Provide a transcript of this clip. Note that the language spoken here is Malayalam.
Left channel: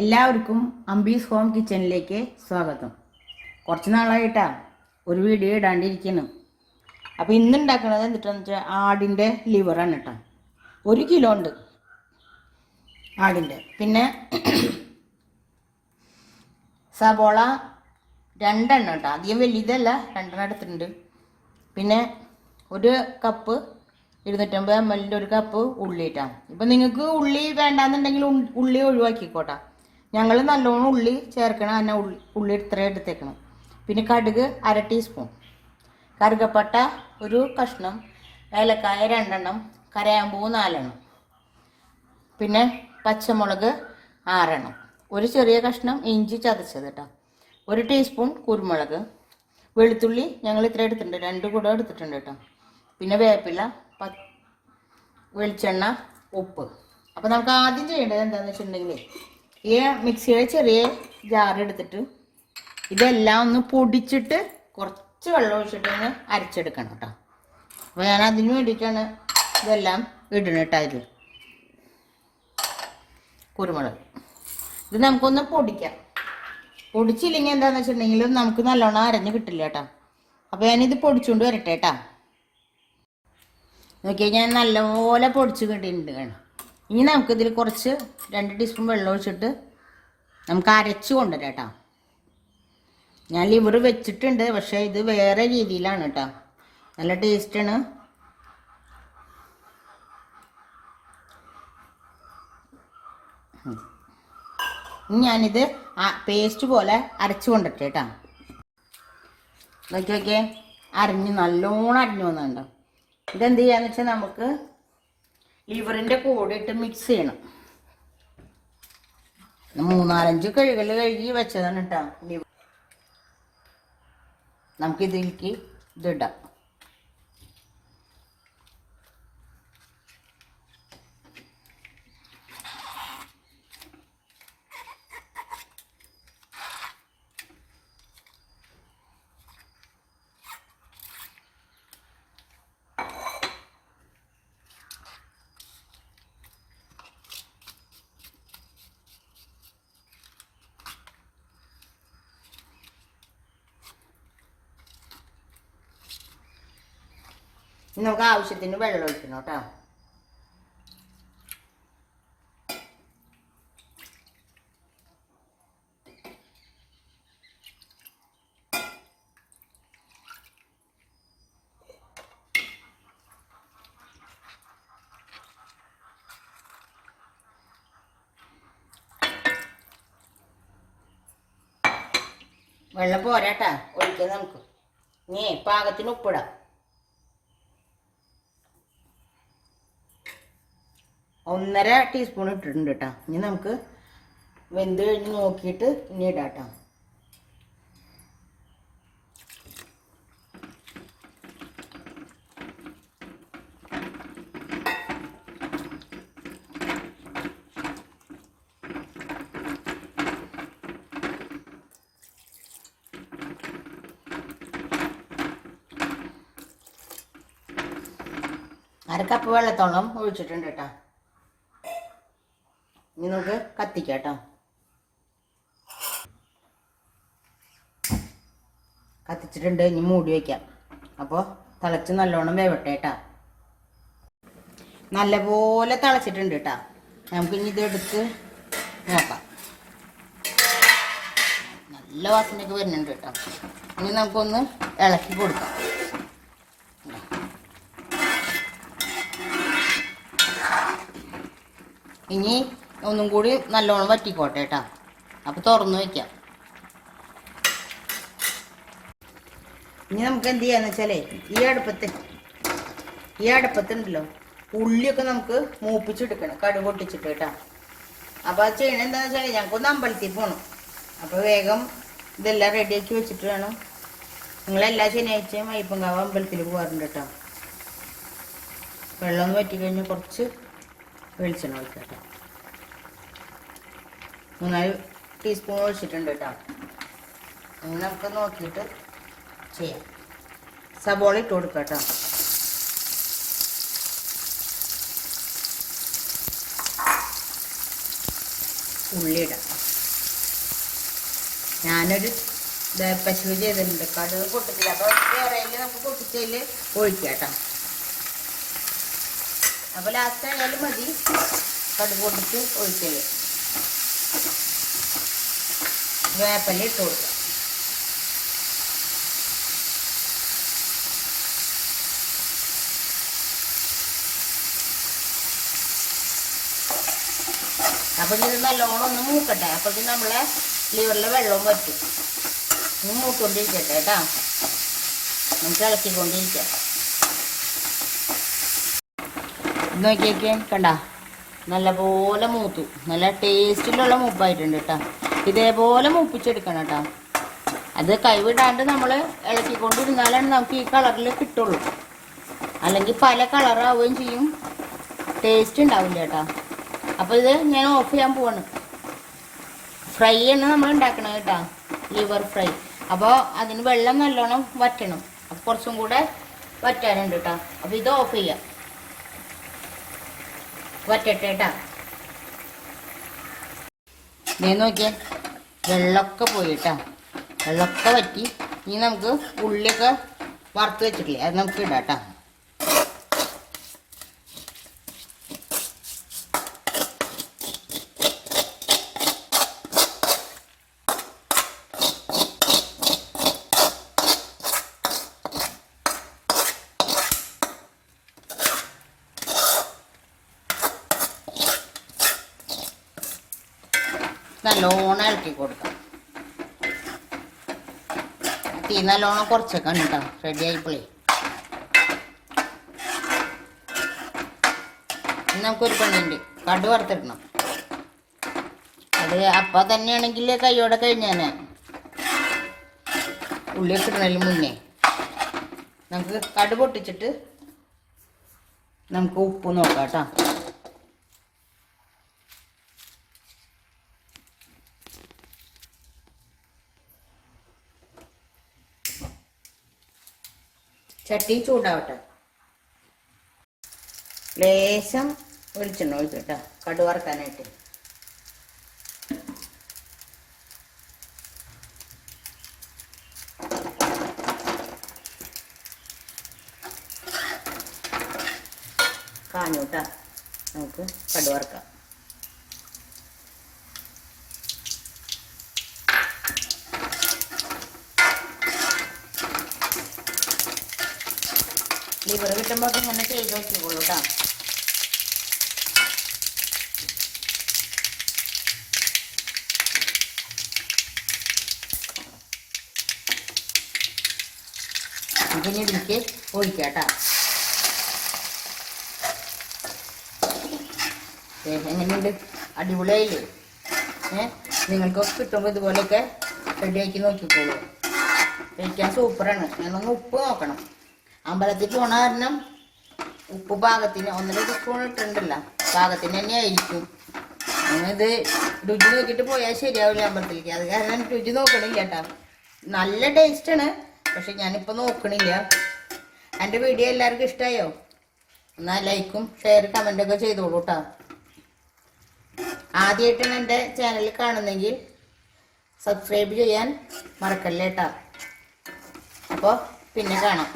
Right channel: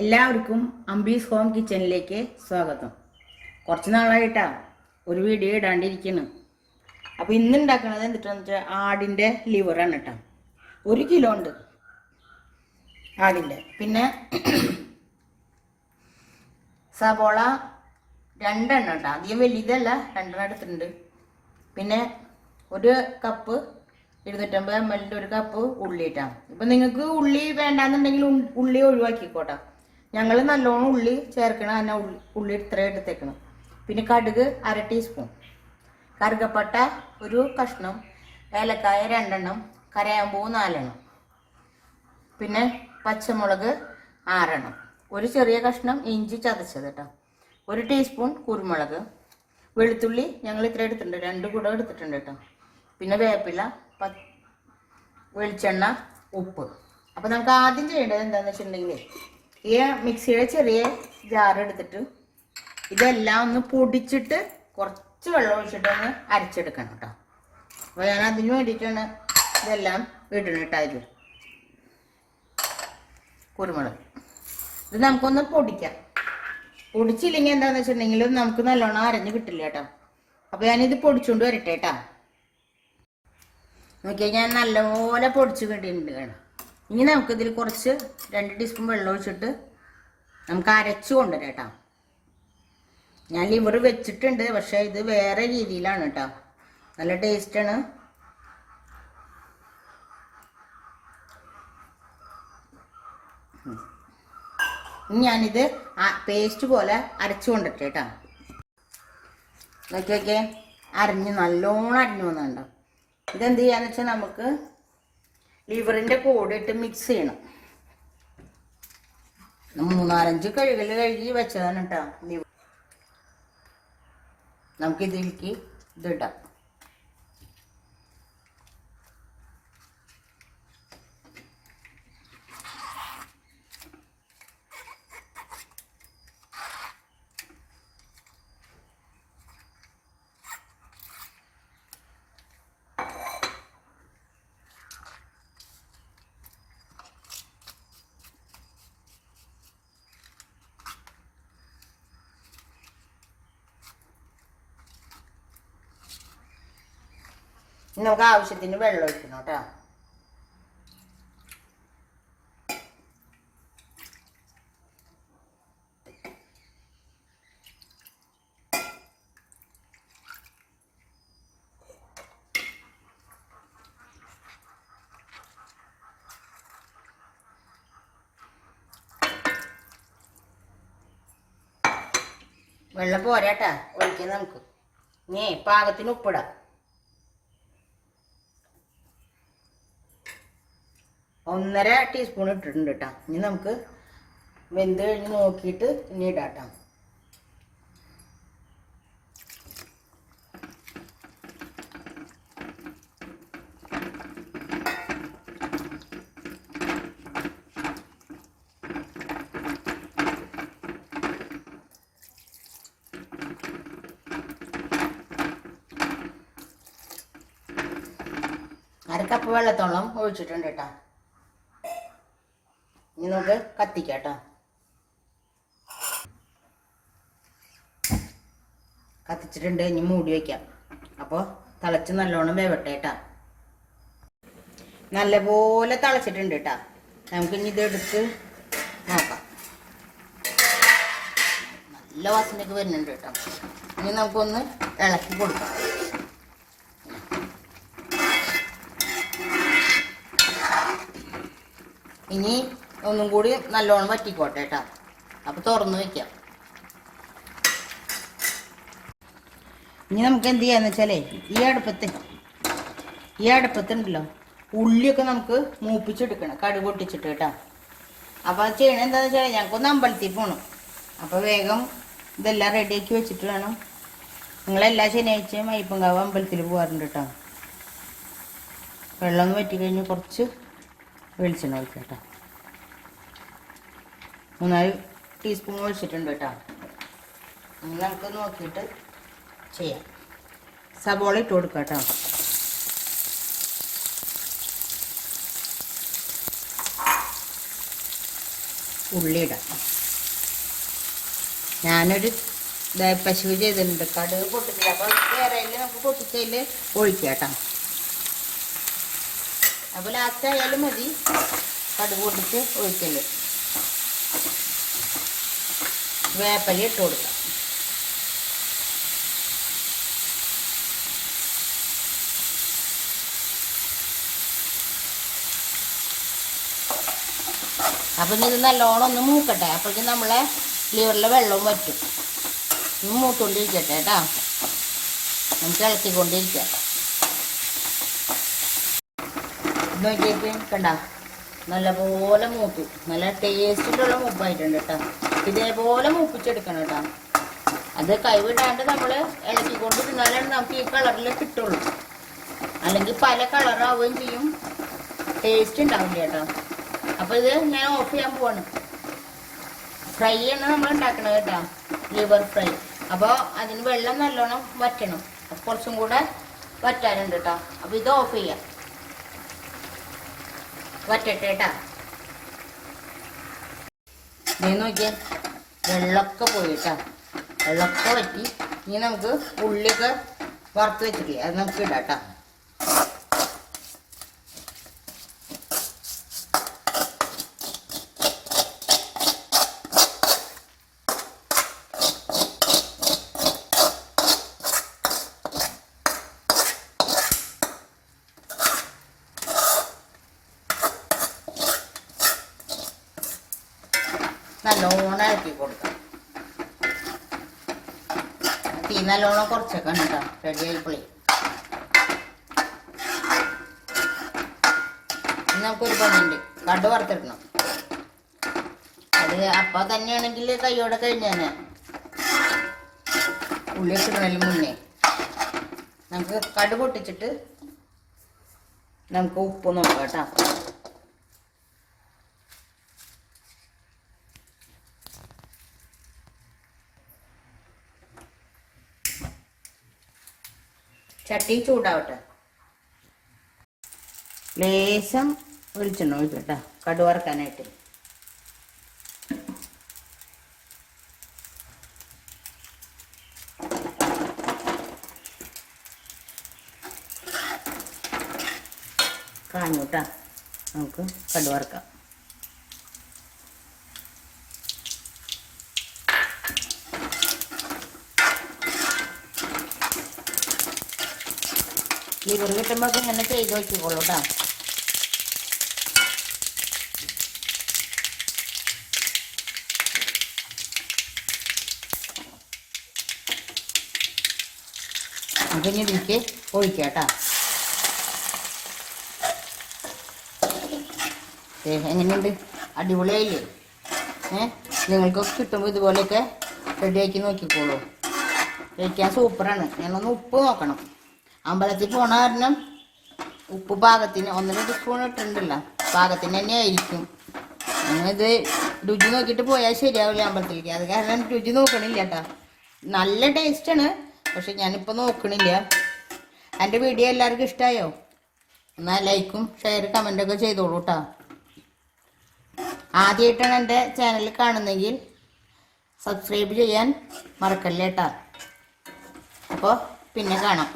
എല്ലാവർക്കും അംബീസ് ഹോം കിച്ചണിലേക്ക് സ്വാഗതം. കുറച്ച് നാളായിട്ടാണ് ഒരു വീഡിയോ ഇടാണ്ടിരിക്കുന്നു. അപ്പോൾ ഇന്ന് ഉണ്ടാക്കുന്നത് എന്നിട്ടെന്ന് വെച്ചാൽ ആടിൻ്റെ ലിവറാണ് കേട്ടോ. 1 കിലോ ഉണ്ട് ആടിൻ്റെ. പിന്നെ സബോള 2 എണ്ണം കേട്ടോ, അധികം വലിയതല്ല, 2 എണ്ണം എടുത്തിട്ടുണ്ട്. പിന്നെ 1 കപ്പ് 250 ml ഒരു കപ്പ് ഉള്ളി ഇട്ടാം. ഇപ്പം നിങ്ങൾക്ക് ഉള്ളി വേണ്ടാന്നുണ്ടെങ്കിൽ ഉള്ളി ഒഴിവാക്കിക്കോട്ടെ. ഞങ്ങൾ നല്ലോണം ഉള്ളി ചേർക്കണം, തന്നെ ഉള്ളി ഇത്ര എടുത്തേക്കണം. പിന്നെ കടുക് 1/2 ടീസ്പൂൺ, കറുകപ്പട്ട 1 കഷ്ണം, ഏലക്കായ 2 എണ്ണം, കരയാമ്പൂ 4 എണ്ണം, പിന്നെ പച്ചമുളക് 6 എണ്ണം, ഒരു ചെറിയ കഷ്ണം ഇഞ്ചി ചതച്ചത് കേട്ടോ, 1 ടീസ്പൂൺ കുരുമുളക്, വെളുത്തുള്ളി ഞങ്ങൾ ഇത്ര എടുത്തിട്ടുണ്ട്, 2 കൂടെ എടുത്തിട്ടുണ്ട് കേട്ടോ. പിന്നെ വേപ്പില, വെളിച്ചെണ്ണ, ഉപ്പ്. അപ്പോൾ നമുക്ക് ആദ്യം ചെയ്യേണ്ടത് എന്താണെന്ന് വെച്ചിട്ടുണ്ടെങ്കിൽ ഈ മിക്സിയുടെ ചെറിയ ജാർ എടുത്തിട്ട് ഇതെല്ലാം ഒന്ന് പൊടിച്ചിട്ട് കുറച്ച് വെള്ളം ഒഴിച്ചിട്ട് ഒന്ന് അരച്ചെടുക്കണം കേട്ടോ. അപ്പോൾ ഞാൻ അതിന് വേണ്ടിയിട്ടാണ് ഇതെല്ലാം ഇടണം കേട്ടോ. അതിൽ കുരുമുളക് ഇത് നമുക്കൊന്ന് പൊടിക്കാം. പൊടിച്ചില്ലെങ്കിൽ എന്താണെന്ന് വെച്ചിട്ടുണ്ടെങ്കിൽ നമുക്ക് നല്ലോണം അരഞ്ഞ് കിട്ടില്ല കേട്ടോ. അപ്പോൾ ഞാനിത് പൊടിച്ചുകൊണ്ട് വരട്ടെ കേട്ടോ. നോക്കിയാൽ ഞാൻ നല്ലപോലെ പൊടിച്ച് കിട്ടിയിട്ടുണ്ട് കേട്ടോ. ഇനി നമുക്കിതിൽ കുറച്ച് 2 ടീസ്പൂൺ വെള്ളം ഒഴിച്ചിട്ട് നമുക്ക് അരച്ച് കൊണ്ടുവരാം കേട്ടോ. ഞാൻ ലിവർ വെച്ചിട്ടുണ്ട്, പക്ഷേ ഇത് വേറെ രീതിയിലാണ് കേട്ടോ, നല്ല ടേസ്റ്റാണ്. ഇനി ഞാനിത് പേസ്റ്റ് പോലെ അരച്ച് കൊണ്ടിട്ട് കേട്ടോ. നോക്കിയൊക്കെ അരിഞ്ഞ് നല്ലോണം അരിഞ്ഞു വന്നുണ്ടോ. ഇതെന്ത് ചെയ്യാന്ന് വെച്ചാൽ നമുക്ക് ലിവറിൻ്റെ കൂടെ ഇട്ട് മിക്സ് ചെയ്യണം. 3-4 കഴുകി വെച്ചതാണ് കേട്ടോ ലിവർ. നമുക്കിതിലേക്ക് ഇതിടാം. നമുക്ക് ആവശ്യത്തിന് വെള്ളം ഒഴിക്കണം കേട്ടോ. വെള്ളം പോരാട്ടാ ഒഴിക്കാൻ നമുക്ക്. ഇനി പാകത്തിന് ഉപ്പിടാം. 1.5 ടീസ്പൂൺ ഇട്ടിട്ടുണ്ട് കേട്ടോ. ഇനി നമുക്ക് വെന്ത് കഴിഞ്ഞ് നോക്കിയിട്ട് ഇനി ഇടാം കേട്ടോ. അര കപ്പ് വെള്ളത്തോളം ഒഴിച്ചിട്ടുണ്ട് കേട്ടോ. ഇനി നമുക്ക് കത്തിക്കാം കേട്ടോ. കത്തിച്ചിട്ടുണ്ട്, ഇനി മൂടി വയ്ക്കാം. അപ്പോൾ തിളച്ച് നല്ലോണം വേവട്ടെ കേട്ടോ. നല്ലപോലെ തിളച്ചിട്ടുണ്ട് കേട്ടോ. നമുക്കിനി ഇതെടുത്ത് നോക്കാം. നല്ല വാസനയൊക്കെ വരുന്നുണ്ട് കേട്ടോ. ഇനി നമുക്കൊന്ന് ഇളക്കി കൊടുക്കാം. ഇനി ഒന്നും കൂടി നല്ലോണം വറ്റിക്കോട്ടെ കേട്ടോ. അപ്പോൾ തുറന്ന് വയ്ക്കാം. ഇനി നമുക്ക് എന്ത് ചെയ്യാന്ന് വെച്ചാലേ ഈ അടുപ്പത്തുണ്ടല്ലോ ഉള്ളിയൊക്കെ നമുക്ക് മൂപ്പിച്ചെടുക്കണം, കടുക് പൊട്ടിച്ചിട്ട് കേട്ടോ. അപ്പോൾ അത് ചെയ്യണം എന്താണെന്ന് വെച്ചാൽ ഞങ്ങൾക്കൊന്ന് അമ്പലത്തിൽ പോകണം. അപ്പോൾ വേഗം ഇതെല്ലാം റെഡിയാക്കി വെച്ചിട്ട് വേണം. നിങ്ങളെല്ലാ ശനിയാഴ്ചയും അയ്യപ്പൻകാവ് അമ്പലത്തിൽ പോകാറുണ്ട് കേട്ടോ. വെള്ളം വറ്റിക്കഴിഞ്ഞ് കുറച്ച് വെളിച്ചെണ്ണ ഒഴിക്കാം കേട്ടോ. 3-4 ടീസ്പൂൺ ഒഴിച്ചിട്ടുണ്ട് കേട്ടോ. ഇനി നമുക്ക് നോക്കിയിട്ട് ചെയ്യാം. സബോള ഇട്ട് കൊടുക്കാം കേട്ടോ. ഉള്ളി ഇടാം. ഞാനൊരു പശു ചെയ്തിട്ടുണ്ട്, കടുക് പൊട്ടിച്ചില്ല. അപ്പോൾ വേറെ നമുക്ക് പൊട്ടിച്ചതിൽ ഒഴിക്കാം കേട്ടോ. അപ്പോൾ ലാസ്റ്റ് ആയാലും മതി കടുക് പൊട്ടിച്ച് ഒഴിക്കല്. വേപ്പല ഇട്ട് കൊടുക്കാം. അപ്പം ഇത് നല്ലോണം ഒന്ന് മൂക്കട്ടെ. അപ്പോഴേക്കും നമ്മളെ ലിവറിലെ വെള്ളവും വറ്റും. ഇനി മൂത്തുകൊണ്ടിരിക്കട്ടെ കേട്ടോ. നമുക്ക് ഇളക്കിക്കൊണ്ടിരിക്കാം. നോക്കിയൊക്കെ കണ്ട നല്ലപോലെ മൂത്തു. നല്ല ടേസ്റ്റിലുള്ള മൂപ്പായിട്ടുണ്ട് കേട്ടോ. ഇതേപോലെ മൂപ്പിച്ചെടുക്കണം കേട്ടോ. അത് കൈവിടാണ്ട് നമ്മൾ ഇളക്കിക്കൊണ്ടിരുന്നാലാണ് നമുക്ക് ഈ കളറിൽ കിട്ടുള്ളൂ. അല്ലെങ്കിൽ പല കളറാവുകയും ചെയ്യും, ടേസ്റ്റ് ഉണ്ടാവില്ല കേട്ടോ. അപ്പോൾ ഇത് ഞാൻ ഓഫ് ചെയ്യാൻ പോവാണ്. ഫ്രൈ ആണ് നമ്മൾ ഉണ്ടാക്കണം കേട്ടോ, ലിവർ ഫ്രൈ. അപ്പോൾ അതിന് വെള്ളം നല്ലോണം വറ്റണം. അപ്പോൾ കുറച്ചും കൂടെ വറ്റാനുണ്ട് കേട്ടോ. അപ്പോൾ ഇത് ഓഫ് ചെയ്യാം, വറ്റട്ടെ കേട്ടോ. ഞാൻ നോക്കിയേ വെള്ളമൊക്കെ പോയി കേട്ടോ. വെള്ളമൊക്കെ വറ്റി. ഇനി നമുക്ക് ഉള്ളിയൊക്കെ വറുത്ത് വെച്ചിട്ടില്ലേ, അത് നമുക്ക് ഇടാം കേട്ടോ. നല്ലോണം ഇളക്കി കൊടുക്കാം. തീ നല്ലോണം കുറച്ചൊക്കെ കേട്ടോ. റെഡി ആയിപ്പോളേ. നമുക്കൊരു പണിയുണ്ട്, കടു വറുത്തിടണം. അത് അപ്പം തന്നെയാണെങ്കിൽ കൈയോടെ കഴിഞ്ഞാൽ ഉള്ളി ഇട്ടിടണതിന് മുന്നേ നമുക്ക് കടു പൊട്ടിച്ചിട്ട് നമുക്ക് ഉപ്പ് നോക്കാം കേട്ടോ. ചട്ടി ചൂടാവട്ടെ. ലേശം വെളിച്ചെണ്ണ ഒഴിച്ചു കേട്ടോ കടു വറുക്കാനായിട്ട്. കാഞ്ഞു കേട്ടോ. നമുക്ക് കടു വറുക്കാം. ലിവർ കിട്ടുമ്പോൾ ഇങ്ങനെ ചെയ്ത് വെച്ചിക്കോളൂ കേട്ടോ. നമുക്ക് ഇനി ഇതിലേക്ക് ഒഴിക്കാം കേട്ടോ. എങ്ങനെയുണ്ട്? അടിപൊളിയായില്ലേ? നിങ്ങൾക്കൊക്കെ കിട്ടുമ്പോൾ ഇതുപോലെയൊക്കെ റെഡിയാക്കി നോക്കിക്കോളൂ. കഴിക്കാൻ സൂപ്പറാണ്. ഞാനൊന്ന് ഉപ്പ് നോക്കണം. അമ്പലത്തിൽ പോണ കാരണം ഉപ്പ് പാകത്തിന് 1.5 സ്പൂൺ ഇട്ടിട്ടുണ്ടല്ലോ, പാകത്തിന് തന്നെ ആയിരിക്കും. ഇത് രുചി നോക്കിയിട്ട് പോയാൽ ശരിയാവില്ല അമ്പലത്തിലേക്ക്. അത് കാരണം രുചി നോക്കണില്ല കേട്ടോ. നല്ല ടേസ്റ്റാണ്, പക്ഷെ ഞാനിപ്പോൾ നോക്കണില്ല. എൻ്റെ വീഡിയോ എല്ലാവർക്കും ഇഷ്ടമായോ? എന്നാൽ ലൈക്കും ഷെയർ കമൻറ്റൊക്കെ ചെയ്തോളൂ കേട്ടോ. ആദ്യമായിട്ടാണ് എൻ്റെ ചാനൽ കാണുന്നെങ്കിൽ സബ്സ്ക്രൈബ് ചെയ്യാൻ മറക്കല്ലേ കേട്ടോ. അപ്പോൾ പിന്നെ കാണാം.